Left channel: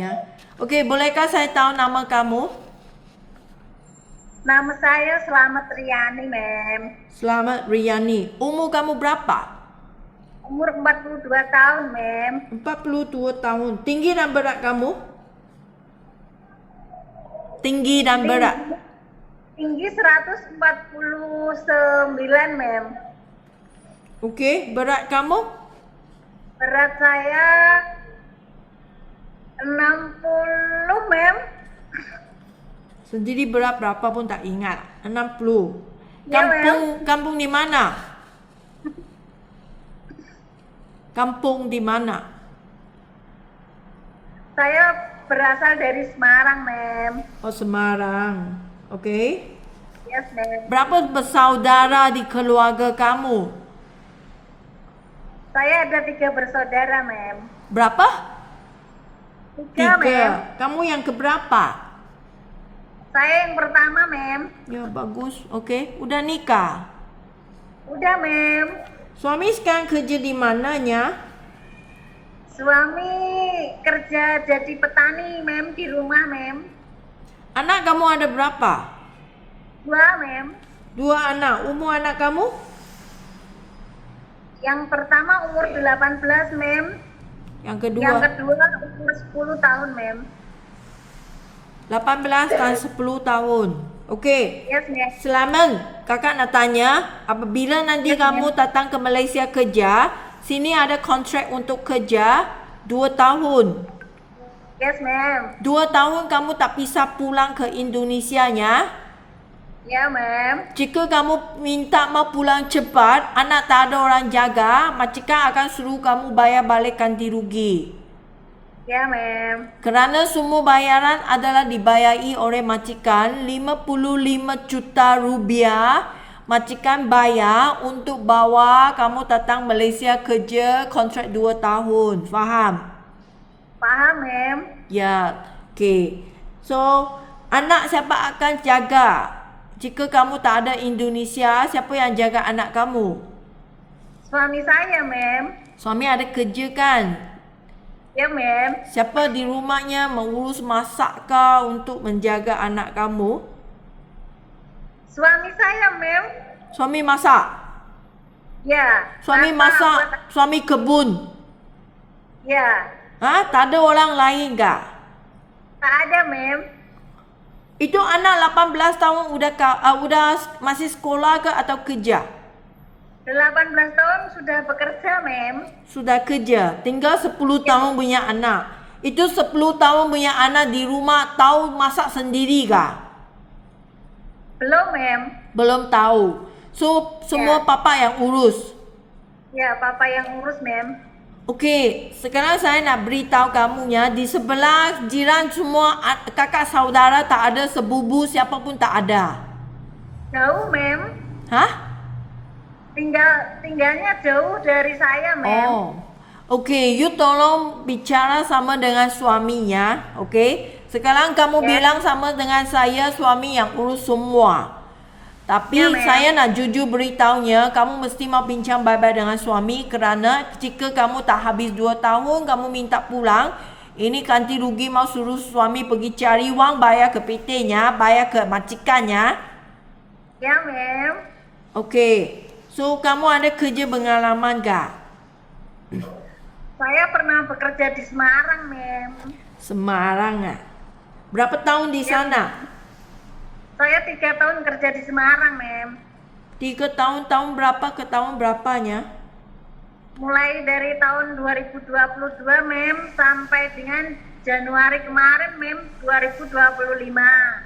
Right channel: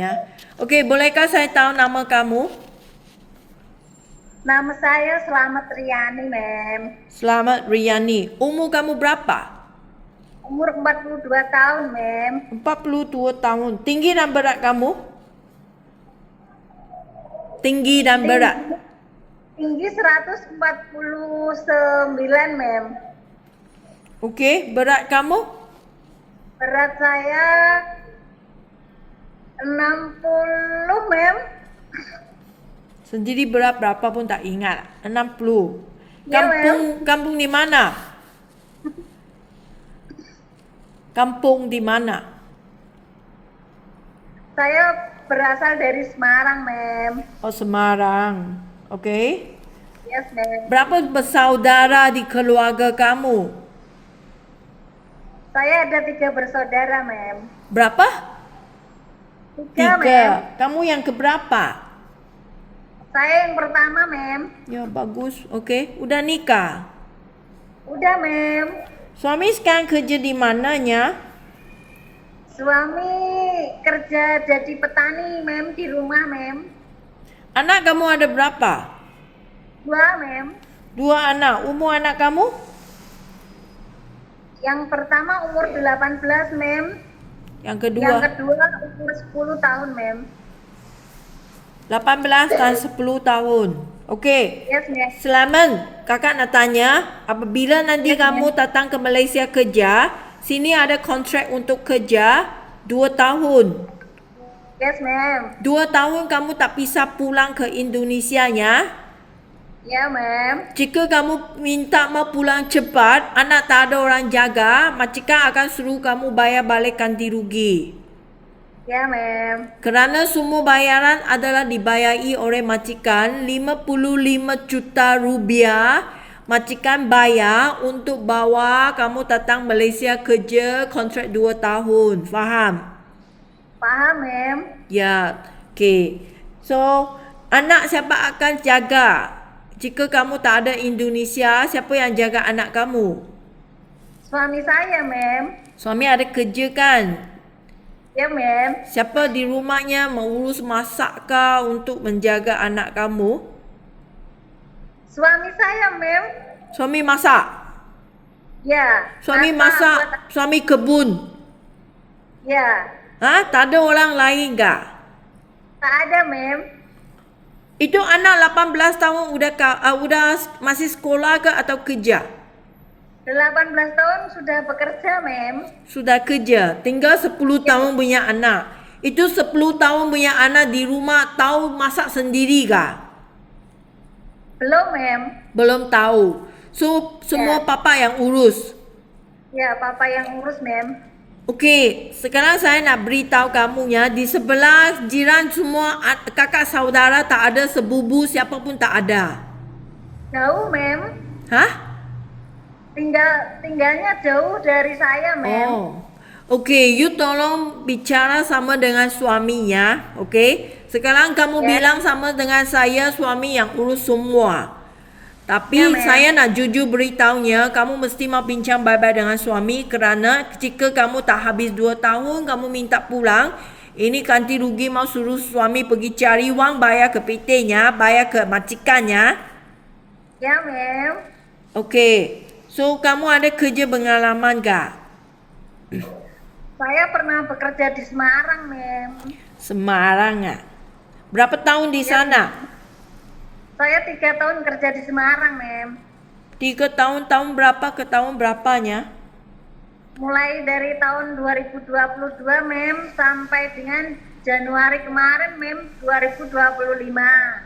Ya. Okey, bolehkah saya tahu nama kamu? Nama saya Slamet Riani, Mem. Selamat Riani. Umur kamu berapa? Umur 42 tahun, Mem. 42 tahun. Tinggi dan berat kamu? Tinggi dan berat. Tinggi, tinggi 149, Mem. Okey, berat kamu? Berat saya 60, Mem. Sendiri berat berapa pun tak ingat. 60. Ya, Kampung di mana? Kampung di mana? Saya berasal dari Semarang, Mem. Oh, Semarang. Okey. Yes, Mem. Berapa bersaudara di keluarga kamu? Saya ada 3 bersaudara, Mem. Berapa? 3, Mem. Kamu yang keberapa? Saya yang pertama, Mem. Ya, bagus. Okey. Udah nikah? Udah, Mem. Suami sekarang kerja di mananya? Suami kerja jadi petani, Mem, di rumah, Mem. Anak kamu ada berapa? 2, Mem. 2 anak. Umur anak kamu? Yang pertama umur 18, Mem. Yang kedua? Yang kedua umur 10 tahun, Mem. 18 dan 10 tahun. Okey. Yes, Mem. Selamat. Kakak nak tanya, apabila nanti kamu datang ke Malaysia kerja, sini ada kontrak untuk kerja 2 tahun. Yes, Mem. 2 tahun kamu tak bisa pulang ke Indonesia ya. Ya, Mem. Jika kamu minta mau pulang cepat, anak tak ada orang jaga, majikan akan suruh kamu bayar balik ganti rugi. Ya, Mem. Kerana semua bayaran adalah dibayari oleh majikan, 55 juta rupiah majikan bayar untuk bawa kamu datang Malaysia kerja kontrak 2 tahun. Faham? Paham, Mem. Ya, okey. So, anak siapa akan jaga? Jika kamu tak ada Indonesia, siapa yang jaga anak kamu? Suami saya, Mem. Suami ada kerja kan? Ya, Mem. Siapa di rumahnya mengurus masak kah untuk menjaga anak kamu? Suami saya, Mem. Suami masak? Ya. Suami Apa masak, buat- suami kebun? Ya. Ha? Tak ada orang lain kah? Tak ada, Mem. Itu anak 18 tahun udah masih sekolah ke atau kerja? 18 tahun sudah bekerja, Mem. Sudah kerja. Tinggal 10 tahun punya anak. Itu 10 tahun punya anak di rumah tahu masak sendiri kah? Belum, Mem. Belum tahu. So, semua papa yang urus. Ya, papa yang urus, Mem. Okey, sekarang saya nak beritahu kamu ya, di sebelah jiran semua kakak saudara tak ada, sebubu siapa pun tak ada. Jauh, Mem. Hah? Tinggalnya jauh dari saya, Mem. Oh. Okey, you tolong bicara sama dengan suaminya, okey? Sekarang kamu bilang sama dengan saya suami yang urus semua. Tapi saya nak jujur beritahunya, kamu mesti mau bincang baik-baik dengan suami kerana jika kamu tak habis 2 tahun, kamu minta pulang, ini ganti rugi mau suruh suami pergi cari wang, bayar ke PT-nya, bayar ke majikannya. Ya, Mem. Okey, so kamu ada kerja pengalaman kah? Saya pernah bekerja di Semarang, Mem. Semarang ah. Berapa tahun di sana? Saya 3 tahun kerja di Semarang, Mem. 3 tahun, tahun berapa ke tahun berapanya? Mulai dari tahun 2022, Mem, sampai dengan Januari kemarin, Mem, 2025.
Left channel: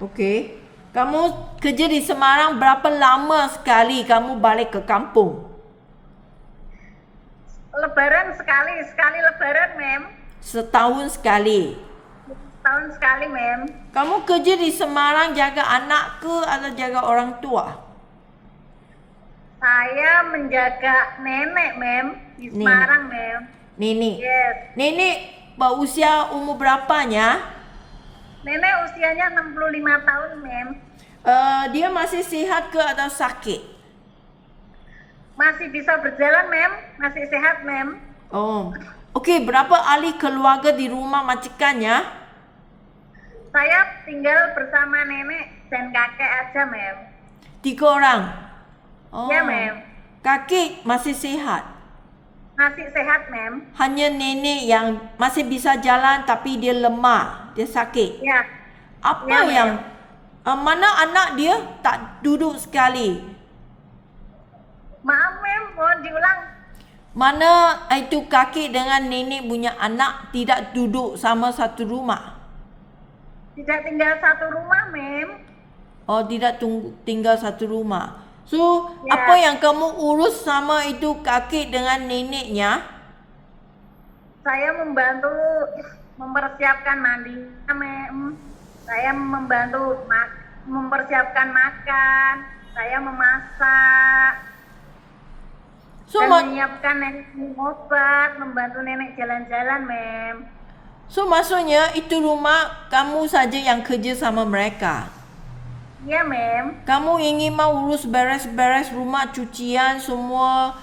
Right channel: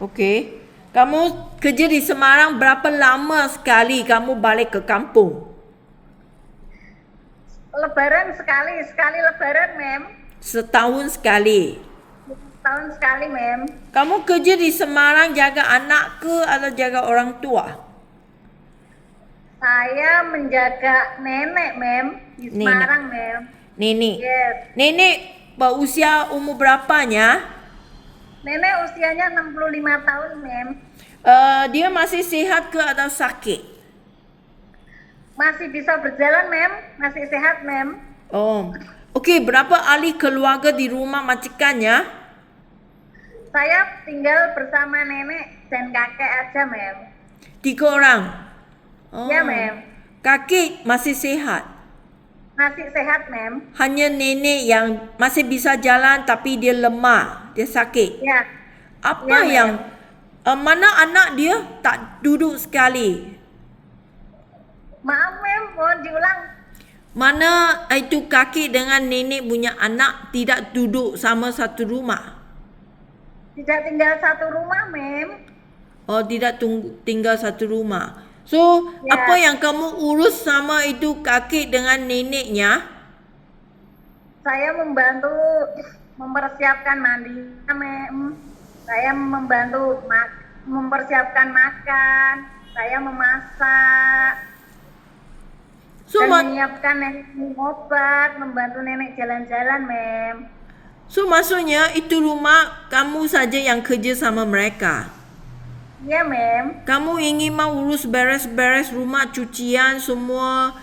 Okey. Kamu kerja di Semarang berapa lama sekali kamu balik ke kampung? Lebaran sekali lebaran, Mem. Setahun sekali. Tahun sekali, Mem. Kamu kerja di Semarang jaga anak ke atau jaga orang tua? Saya menjaga nenek, Mem, di Nenek. Semarang, Mem. Nenek. Yes. Nenek berusia umur berapanya? Nenek usianya 65 tahun, Mem. Dia masih sihat ke atau sakit? Masih bisa berjalan, Mem. Masih sehat, Mem. Oh. Okey, berapa ahli keluarga di rumah majikannya? Saya tinggal bersama nenek dan kakek aja, Mem. 3 orang. Oh. Ya, Mem. Kakek masih sehat. Masih sehat, Mem. Hanya nenek yang masih bisa jalan tapi dia lemah, dia sakit. Ya. Apa Ya, yang mana anak dia tak duduk sekali? Maaf, Mem. Mohon diulang. Mana itu kakek dengan nenek punya anak tidak duduk sama satu rumah? Tidak tinggal satu rumah, Mem. Oh, tidak tinggal satu rumah. So, Ya. apa yang kamu urus sama itu kakek dengan neneknya? Saya membantu mempersiapkan mandinya, Mem. Saya membantu mempersiapkan makan. Saya memasak. So, Dan menyiapkan nenek minum obat, membantu nenek jalan-jalan, Mem. so maksudnya itu rumah kamu saja yang kerja sama mereka. Iya, Mem. Kamu ingin mau urus beres-beres rumah, cucian semua,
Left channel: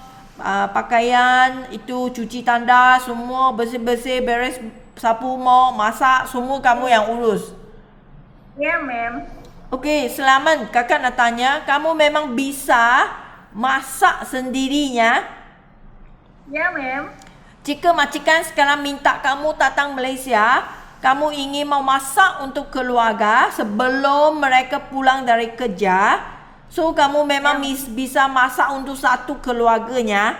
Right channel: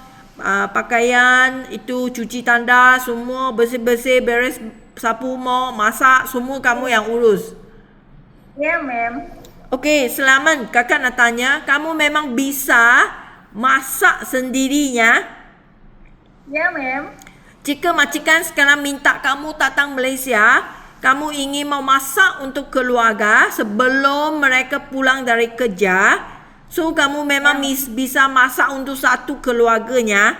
pakaian, itu cuci tanda, semua bersih-bersih, beres, sapu mau, masak, semua kamu yang urus. Iya, Mem. Okey, selamat. Kakak nak tanya, kamu memang bisa masak sendirinya? Iya, Mem. Jika majikan sekarang minta kamu datang Malaysia, kamu ingin mau masak untuk keluarga sebelum mereka pulang dari kerja, so kamu memang bisa masak untuk satu keluarganya?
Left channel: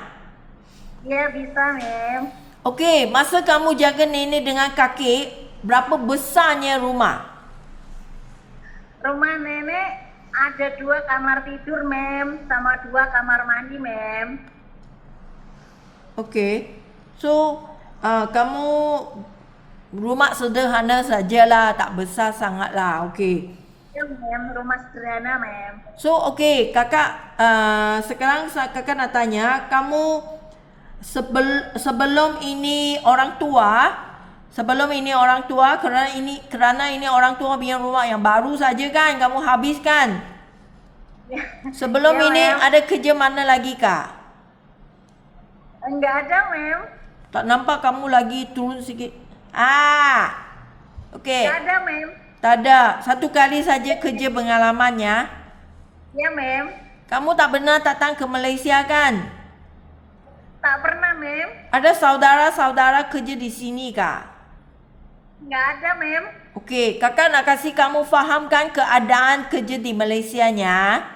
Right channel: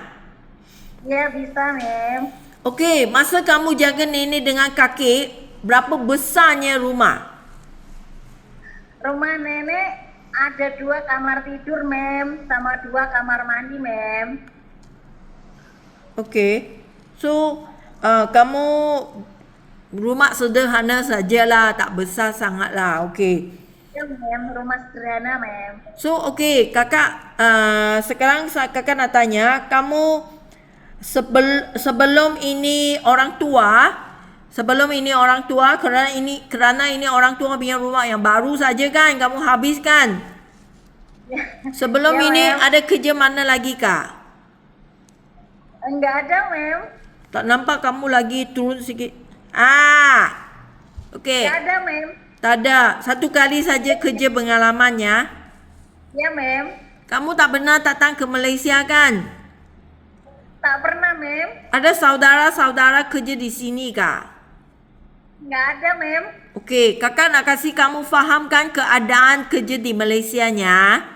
Iya, bisa, Mem. Okey, masa kamu jaga nenek dengan kakek, berapa besarnya rumah? Rumah nenek ada 2 kamar tidur, Mem, sama 2 kamar mandi, Mem. Okey. So, kamu rumah sederhana sajalah, tak besar sangatlah. Okey. Ya, Mem, rumah sederhana, Mem. So, okey, kakak sekarang kakak nak tanya, kamu sebelum ini orang tua, kerana ini orang tua punya rumah yang baru saja kan kamu habiskan. Sebelum Ya, ini Mem. ada kerja mana lagi kak? Enggak ada, Mem. Tak nampak kamu lagi turun sikit. Okey. Enggak ada, Mem. Tak ada. Satu kali saja kerja pengalamannya. Ya, Mem. Kamu tak pernah datang ke Malaysia kan? Tak pernah, Mem. Ada saudara-saudara kerja di sini kak? Enggak ada, Mem. Okey, kakak nak kasih kamu fahamkan keadaan kerja di Malaysianya.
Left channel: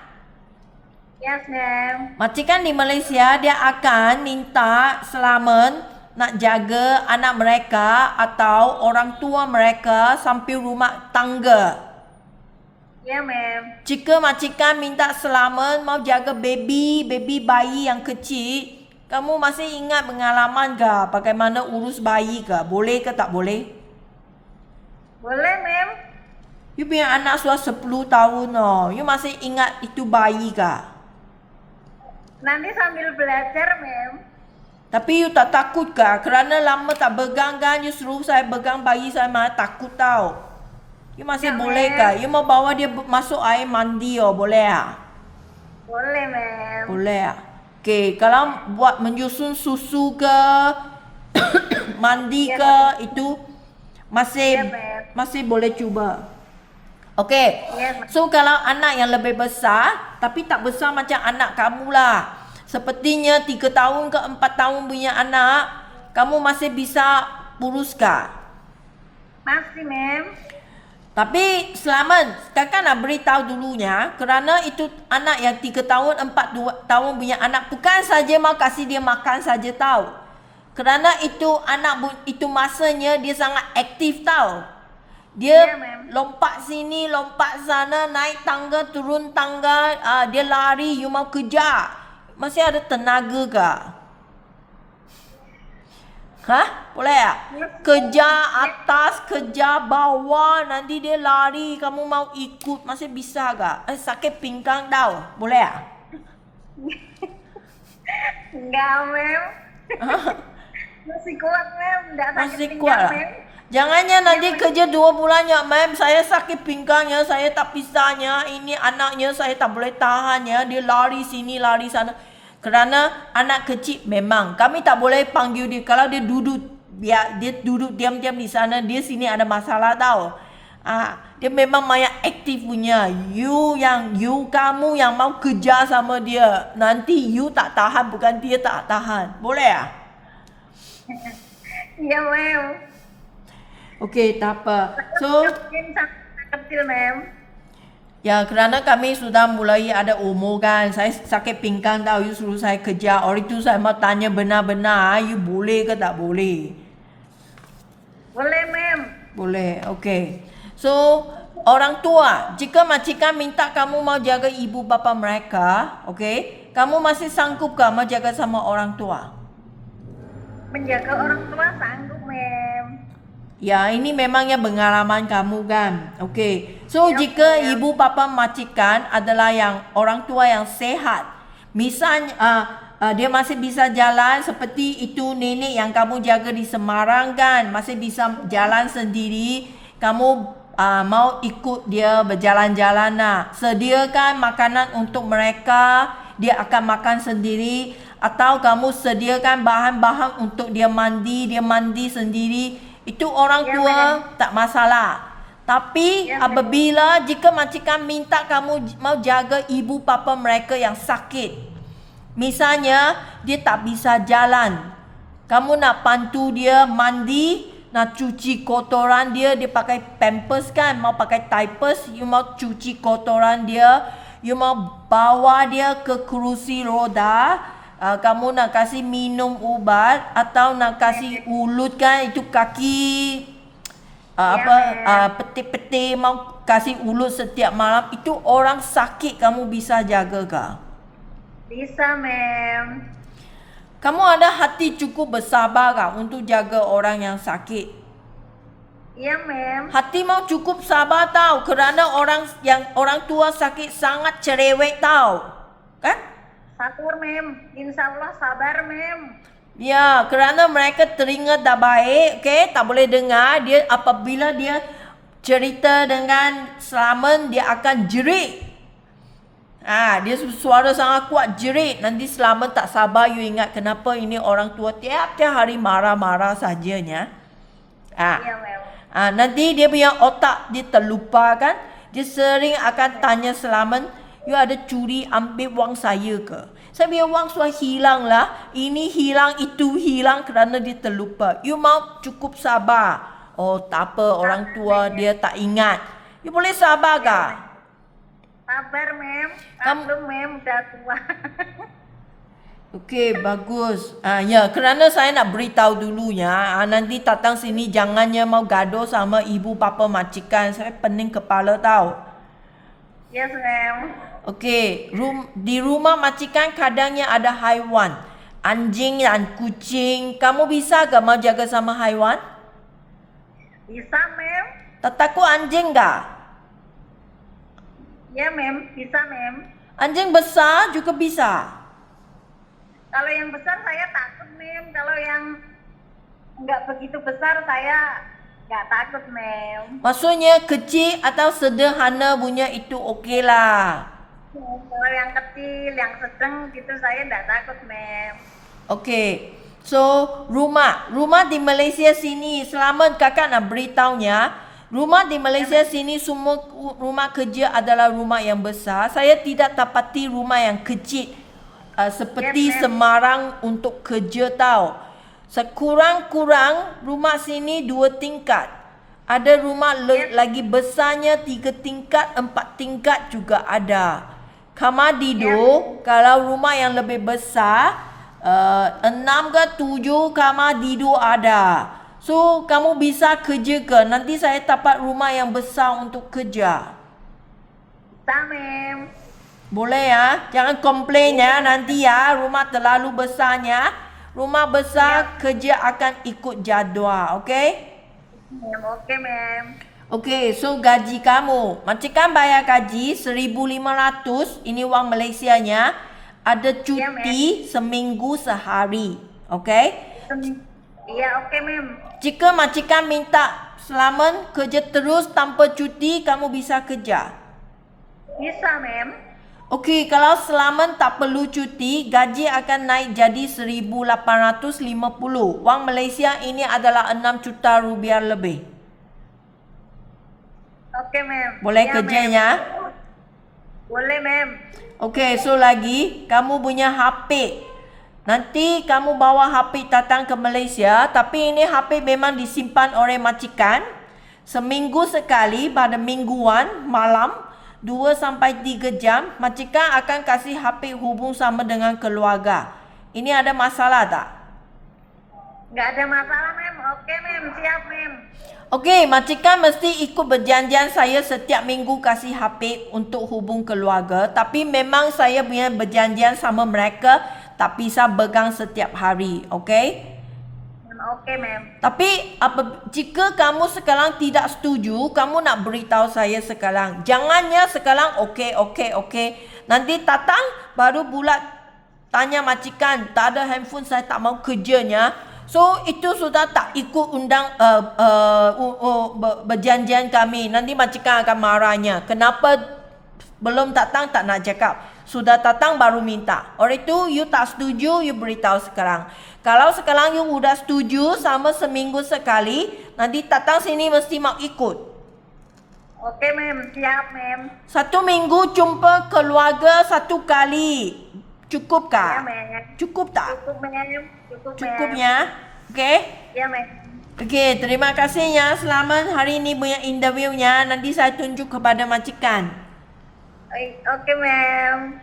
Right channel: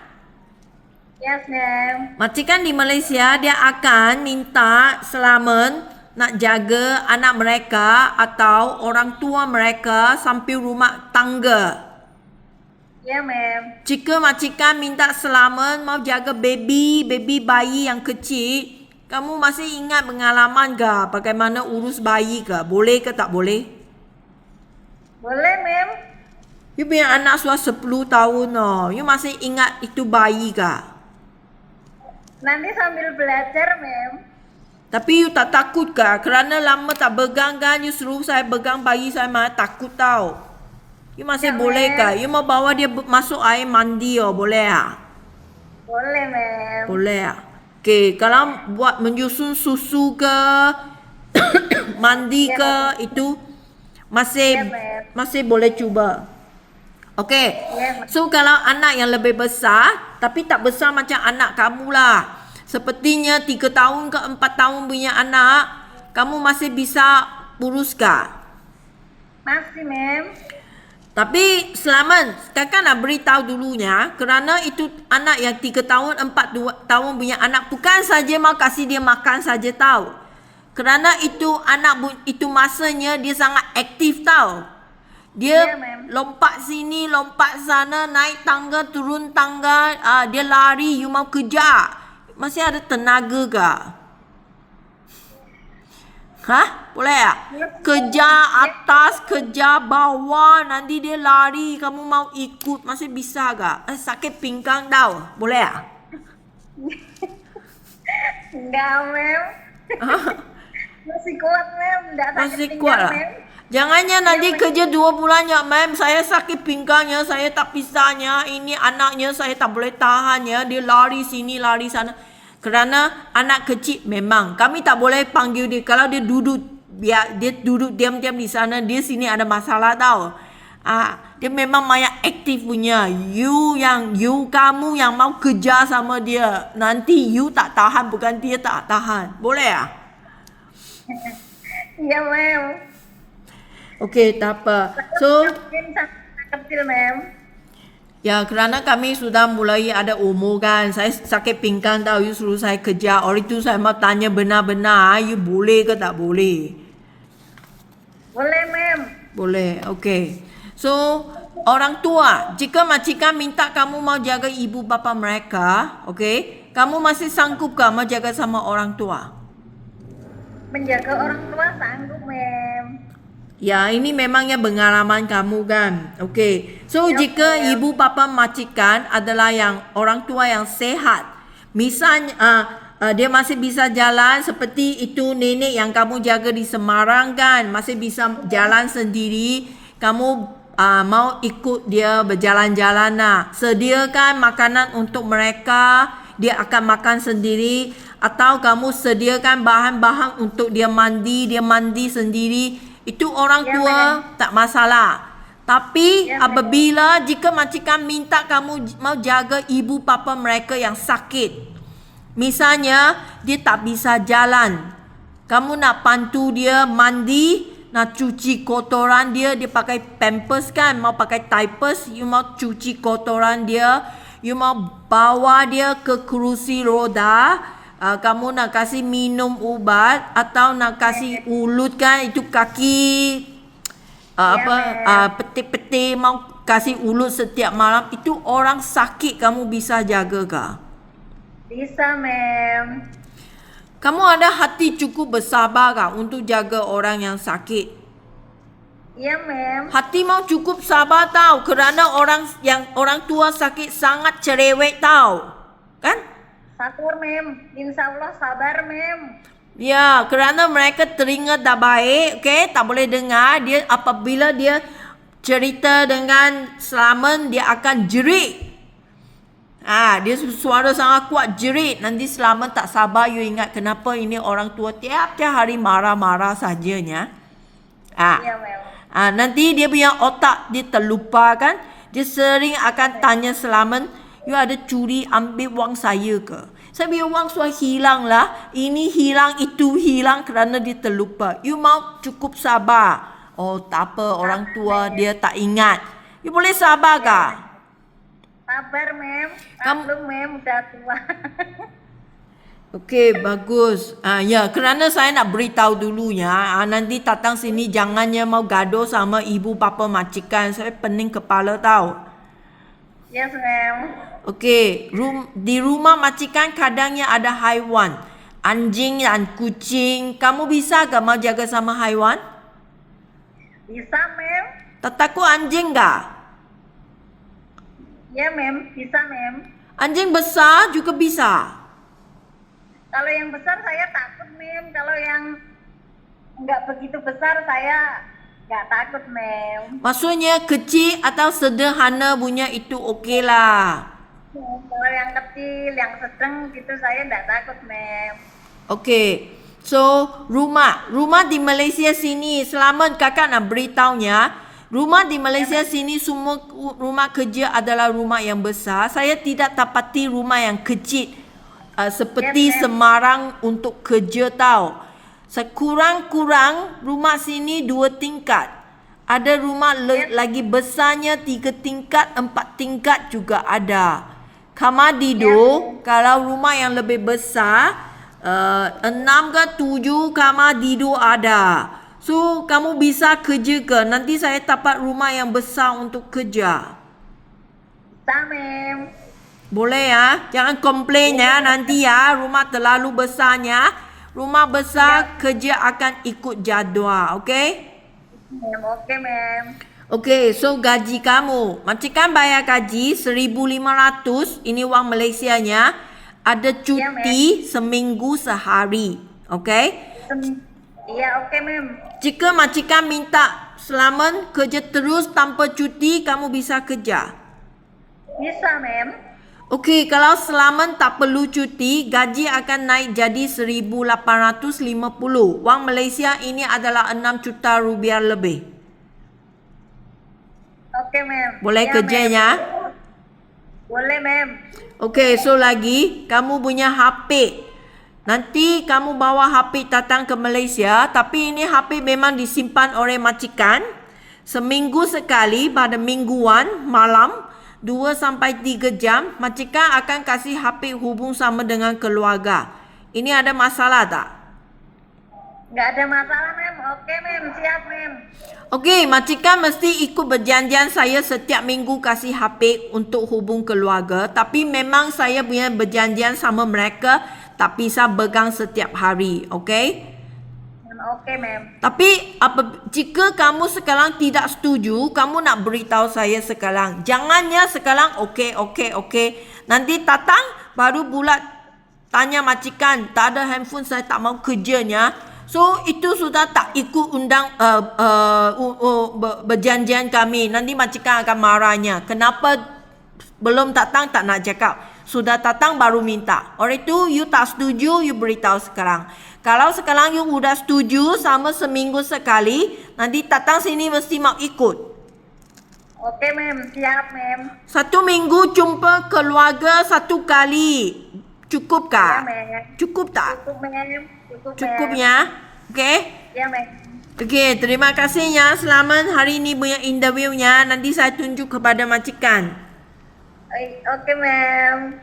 Yes, Mem. Majikan di Malaysia dia akan minta selamat nak jaga anak mereka atau orang tua mereka sampai rumah tangga. Ya, Mem. Jika majikan minta selamat mau jaga baby bayi yang kecil, kamu masih ingat pengalaman ke bagaimana urus bayi ke? Boleh ke tak boleh? Boleh, Mem. You punya anak sudah 10 tahun oh. You masih ingat itu bayi ke? Nanti sambil belajar, Mem. Tapi you tak takut ke? Kerana lama tak pegang kan, you suruh saya pegang bayi, saya malah takut tau. You masih Tak, boleh Mem. ke? You mau bawa dia masuk air mandi oh, boleh tak? Boleh, Mem. Boleh tak? Okey, kalau buat menyusun susu ke, mandi ke, itu masih boleh cuba. Okey. Ya, So kalau anak yang lebih besar, tapi tak besar macam anak kamu lah. Sepertinya 3 tahun ke 4 tahun punya anak, kamu masih bisa uruskan. masih, Mem. Tapi selamat, kakak nak beritahu dulunya, kerana itu anak yang 3 tahun, 4 tahun punya anak, bukan saja mau kasih dia makan saja tahu. Kerana itu anak itu masanya dia sangat aktif tahu. Dia Ya, Mem. lompat sini, lompat sana, naik tangga, turun tangga, dia lari, you mau kejar. Masih ada tenaga ke? Hah? Boleh tak? Kejar atas, kejar bawah, nanti dia lari, kamu mau ikut, masih bisa ke? Sakit pinggang tau. Boleh tak? Enggak, Mem. Masih kuat, Mem. Enggak sakit Masih pinggang, kuat lah. Mem. Jangannya nanti kerja 2 bulan ya, ma'am. Saya sakit pinggangnya, saya tak bisanya. Ini anaknya saya tak boleh tahannya. Dia lari sini, lari sana. Kerana anak kecil memang kami tak boleh panggil dia. Kalau dia duduk, biar dia duduk diam-diam di sana, dia sini ada masalah tau. Dia memang banyak aktif punya. Kamu yang mau kejar sama dia. Nanti you tak tahan, bukan dia tak tahan. Boleh ah? Iya, mem. Okey, tak apa. So, Mungkin sangat kecil, mem. ya, kerana kami sudah mulai ada umur kan. Saya sakit pinggang tahu, you suruh saya kerja. Orang itu saya mau tanya benar-benar, you boleh ke tak boleh? Boleh, mem. Boleh, okey. So, orang tua, jika majikan minta kamu mau jaga ibu bapa mereka, okey, kamu masih sanggup ke mau jaga sama orang tua? Menjaga orang tua sanggup, mem. Ya, ini memangnya pengalaman kamu kan. Okey. So, jika ibu bapa majikan adalah yang orang tua yang sehat. Misalnya dia masih bisa jalan seperti itu nenek yang kamu jaga di Semarang kan, masih bisa jalan sendiri. Kamu mau ikut dia berjalan-jalan lah. Sediakan makanan untuk mereka, dia akan makan sendiri. Atau kamu sediakan bahan-bahan untuk dia mandi sendiri. Itu orang tua tak masalah. Tapi apabila jika majikan minta kamu mau jaga ibu bapa mereka yang sakit. Misalnya dia tak bisa jalan. Kamu nak bantu dia mandi, nak cuci kotoran dia pakai pampers kan, mau pakai diapers, you mau cuci kotoran dia, you mau bawa dia ke kerusi roda. Kamu nak kasih minum ubat atau nak kasih ulut kan, itu kaki peti-peti mau kasih ulut setiap malam, itu orang sakit kamu bisa jaga ke? Bisa, mem. Kamu ada hati cukup bersabar ke untuk jaga orang yang sakit? Iya, mem. Hati mau cukup sabar tahu, kerana orang tua sakit sangat cerewet tahu. Kan? Sabar, mem. Insya Allah sabar, mem. Ya, kerana mereka telinga tak baik, okey, tak boleh dengar. Dia apabila dia cerita dengan Selamat, dia akan jerit. Dia suara sangat kuat, jerit. Nanti Selamat tak sabar, you ingat kenapa ini orang tua tiap-tiap hari marah-marah sajanya. Iya, mem. Nanti dia punya otak dia terlupa kan. Dia sering akan tanya Selamat, you ada curi ambil wang saya ke? Saya punya wang sudah hilang lah. Ini hilang, itu hilang kerana dia terlupa. You mau cukup sabar. Oh, tak apa, orang tua dia tak ingat. You boleh sabar ke? Sabar, mem. Kamu- Belum, mem. Udah tua. Okey, bagus. Ya, kerana saya nak beritahu dulunya. Nanti datang sini jangannya mau gaduh sama ibu bapa majikan. Saya pening kepala tahu. Yes, mem. Okey, di rumah majikan kadangnya ada haiwan. Anjing dan kucing. Kamu bisa ke mau jaga sama haiwan? Bisa, mem. Tak takut anjing ke? Ya, mem. Bisa, mem. Anjing besar juga bisa. Kalau yang besar saya takut, mem. Kalau yang nggak begitu besar saya nggak takut, mem. Maksudnya kecil atau sederhana punya itu okey lah. Kalau yang kecil, yang sedang gitu saya nggak takut, mem. Okey. So, rumah di Malaysia sini, Selamat kakak nak beritahunya, rumah di Malaysia sini semua rumah kerja adalah rumah yang besar. Saya tidak dapati rumah yang kecil seperti Semarang untuk kerja tahu. Sekurang-kurang rumah sini 2 tingkat. Ada rumah lagi besarnya 3 tingkat, 4 tingkat juga ada. Kamar tidur, kalau rumah yang lebih besar, 6 ke 7 kamar tidur ada. So, kamu bisa kerja ke? Nanti saya dapat rumah yang besar untuk kerja. Bisa, mem. Boleh ya? Jangan komplain ya nanti ya. Rumah terlalu besarnya. Rumah besar kerja akan ikut jadual. Okey? Mem. Oke, mem. Okey, so gaji kamu. Majikan bayar gaji 1,500. Ini wang Malaysianya. Ada cuti seminggu sehari. Okey? Iya, oke, mem. Jika majikan minta Selamat kerja terus tanpa cuti, kamu bisa kerja. Bisa, mem. Okey, kalau Selamat tak perlu cuti, gaji akan naik jadi 1,850. Wang Malaysia ini adalah 6 juta rupiah lebih. Oke, mem. Boleh Ya, kerjanya? mem. Boleh, mem. Okey, so lagi kamu punya HP. Nanti kamu bawa HP datang ke Malaysia, tapi ini HP memang disimpan oleh majikan. Seminggu sekali pada mingguan malam 2 sampai 3 jam, majikan akan kasih HP hubung sama dengan keluarga. Ini ada masalah tak? Nggak ada masalah, mem. Oke, mem. Siap, mem. Okey, majikan mesti ikut berjanjian saya setiap minggu kasih HP untuk hubung keluarga. Tapi memang saya punya berjanjian sama mereka tak bisa pegang setiap hari. Okey? Oke, mem. Tapi jika kamu sekarang tidak setuju, kamu nak beritahu saya sekarang. Jangannya sekarang okey. Nanti datang baru pula tanya majikan, tak ada handphone saya tak mau kerjanya. So itu sudah tak ikut berjanjian kami. Nanti majikan akan marahnya. Kenapa belum datang tak nak cakap? Sudah datang baru minta. Oleh itu you tak setuju, you beritahu sekarang. Kalau sekarang you sudah setuju sama seminggu sekali, nanti datang sini mesti mau ikut. Oke, mem. Siap, mem. 1 minggu jumpa keluarga 1 kali. Cukup kah? Ya, mem. Cukup tak? Cukup, mem. Cukup mem. ya? Okey? Ya, mem. Okey, terima kasih ya. Selamat hari ini punya interviewnya. Nanti saya tunjuk kepada majikan. Oke, mem.